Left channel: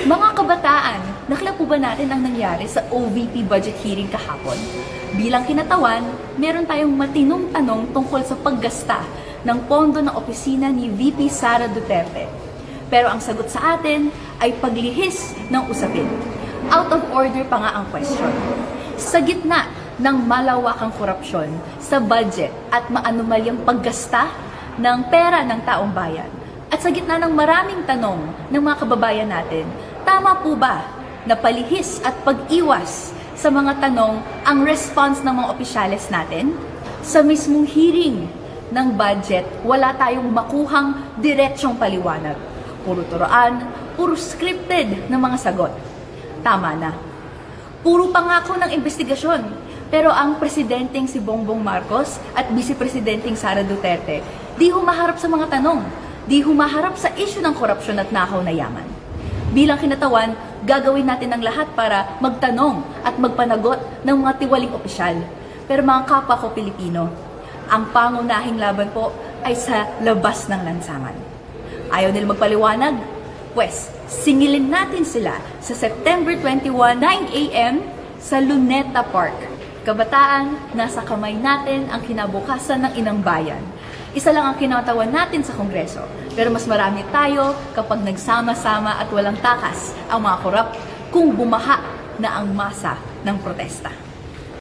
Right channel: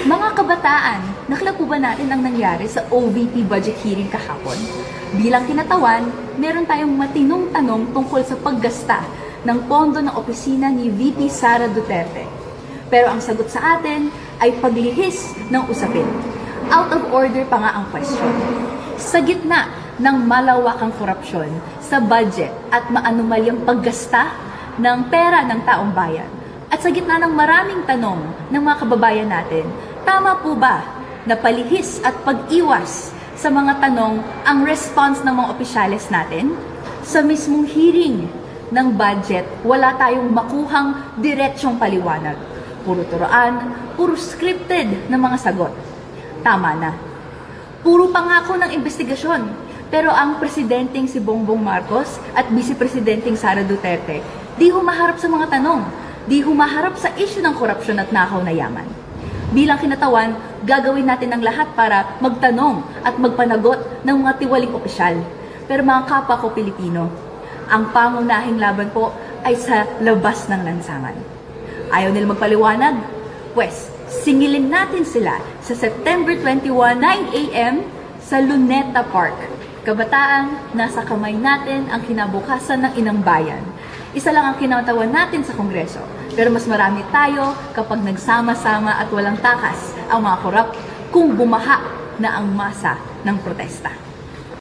Mga kabataan, nakita po ba natin ang nangyari sa OVP budget hearing kahapon? Bilang kinatawan, meron tayong matinong tanong tungkol sa paggasta ng pondo ng opisina ni VP Sara Duterte. Pero ang sagot sa atin ay paglihis ng usapin. Out of order pa nga ang question. Sa gitna ng malawakang korupsyon sa budget at maanumalyang paggasta ng pera ng taong bayan, at sa gitna ng maraming tanong ng mga kababayan natin, tama po ba na palihis at pag-iwas sa mga tanong ang response ng mga opisyales natin? Sa mismong hearing ng budget, wala tayong makuhang diretsyong paliwanag. Puro turoan, puro scripted na mga sagot. Tama na. Puro pangako ng investigasyon. Pero ang presidenteng si Bongbong Marcos at vice-presidenteng Sara Duterte, di humaharap sa mga tanong. Di humaharap sa isyu ng korupsyon at nakaw na yaman. Bilang kinatawan, gagawin natin ang lahat para magtanong at magpanagot ng mga tiwaling opisyal. Pero mga kapwa ko Pilipino, ang pangunahing laban po ay sa labas ng lansangan. Ayaw nila magpaliwanag? Pwes, singilin natin sila sa September 21, 9 a.m. sa Luneta Park. Kabataan, nasa kamay natin ang kinabukasan ng inang bayan. Isa lang ang kinatawan natin sa Kongreso, pero mas marami tayo kapag nagsama-sama at walang takas ang mga korap kung bumaha na ang masa ng protesta.